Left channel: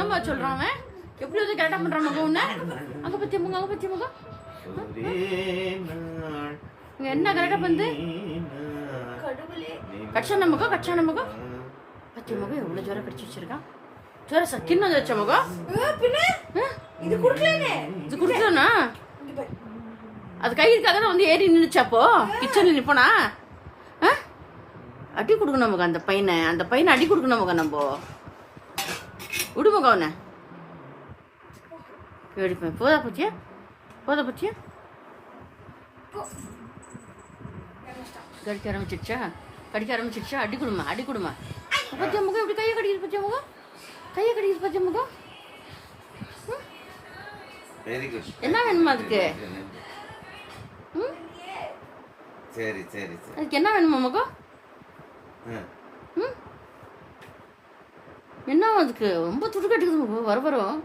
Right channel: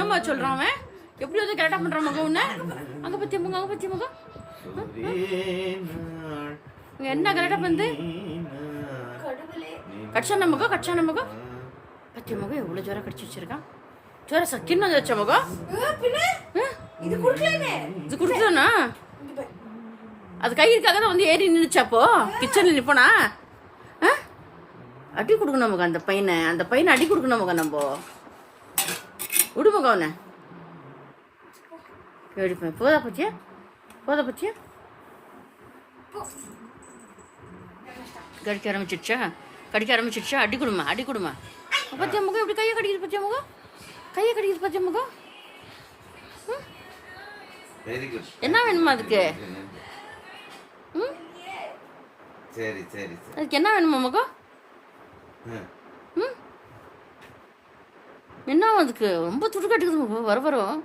என்னம்மா சொல்றான் அவன்? எப்படி வந்து கரெக்டா பண்றான் மகன் உன்ன? அங்க பத்திய முகம், அங்க பத்திய முகம். இங்க என்ன கரெக்டா பண்ணு? கடவுளே. கட்சன முகம், கட்சன முகம். பத்திய முகம் எவ்வளவு ஜோரா கடிச்சு வச்சிருக்கான். ஜோரா சக்கின்னு வந்து வச்ச முகம். பின்ன இது குடுக்கலனே. இது குடுக்கலனா? அது கை இருக்காத வந்து ஏறி நின்னுச்சாப்போ கிச்சன்ல நிப்பனா? அடி கொடுக்கணும் நமக்கு அந்த பையனை அடி கொடுக்கணும் நமக்கு நம்ம விடுமுக அவனை எடுப்பேன். போதா பத்தியா கடிக்க ஆரம்பிச்சிடுச்சா அடி கொடுமா பத்தியா முகம் எப்படி கையை கடிக்குது பத்தியா முகம் என்ன வேணுமா அதுக்கு? அதுக்கு என்ன வேணுமா முகம்? என்ன அதுக்கு ரொம்ப துடு கட்டுக்குது வரும்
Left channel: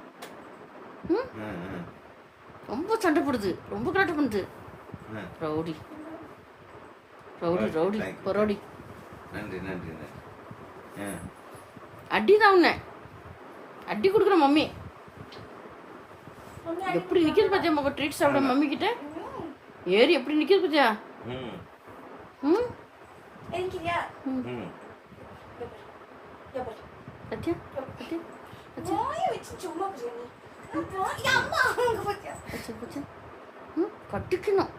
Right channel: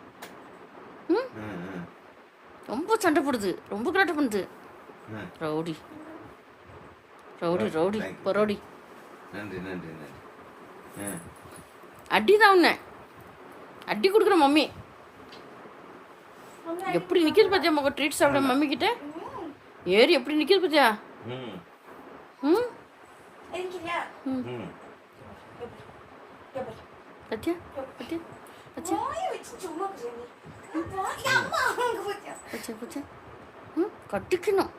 ரொம்ப சண்டை போடுது, ரொம்ப கலாட்டை பண்ணுது. ரவுடி பரோடி அடிதான் உன்னை அடி கொடுக்குற மம்மி. எப்படி நிக்கிது பாத்தியா மக ட்ரீட் சாப்பிட மம்மி கிட்ட ஏறி எப்படி நிக்கிது பாத்தியா? கட்டிக்கணும்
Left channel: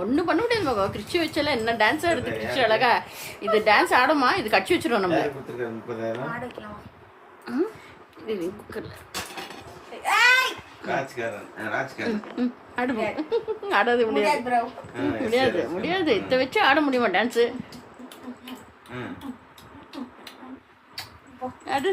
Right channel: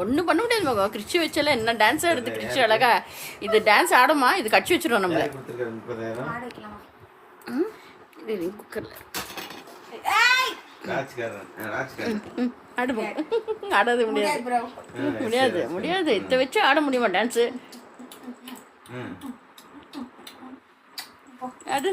ஒண்ணு பண்ண முடியாது மகா. கிரிச்சு வச்சல என்ன டான்ஸ் ஆடுது கிரிச்சு அழகா. இது டான்ஸ் ஆடுமா? இது கட்சி வச்சிருவோம் நம்ம. குக்கர்ல ஆடாது முடியாது இத வச்சு ஆட முடியுமா டான்ஸ்? அது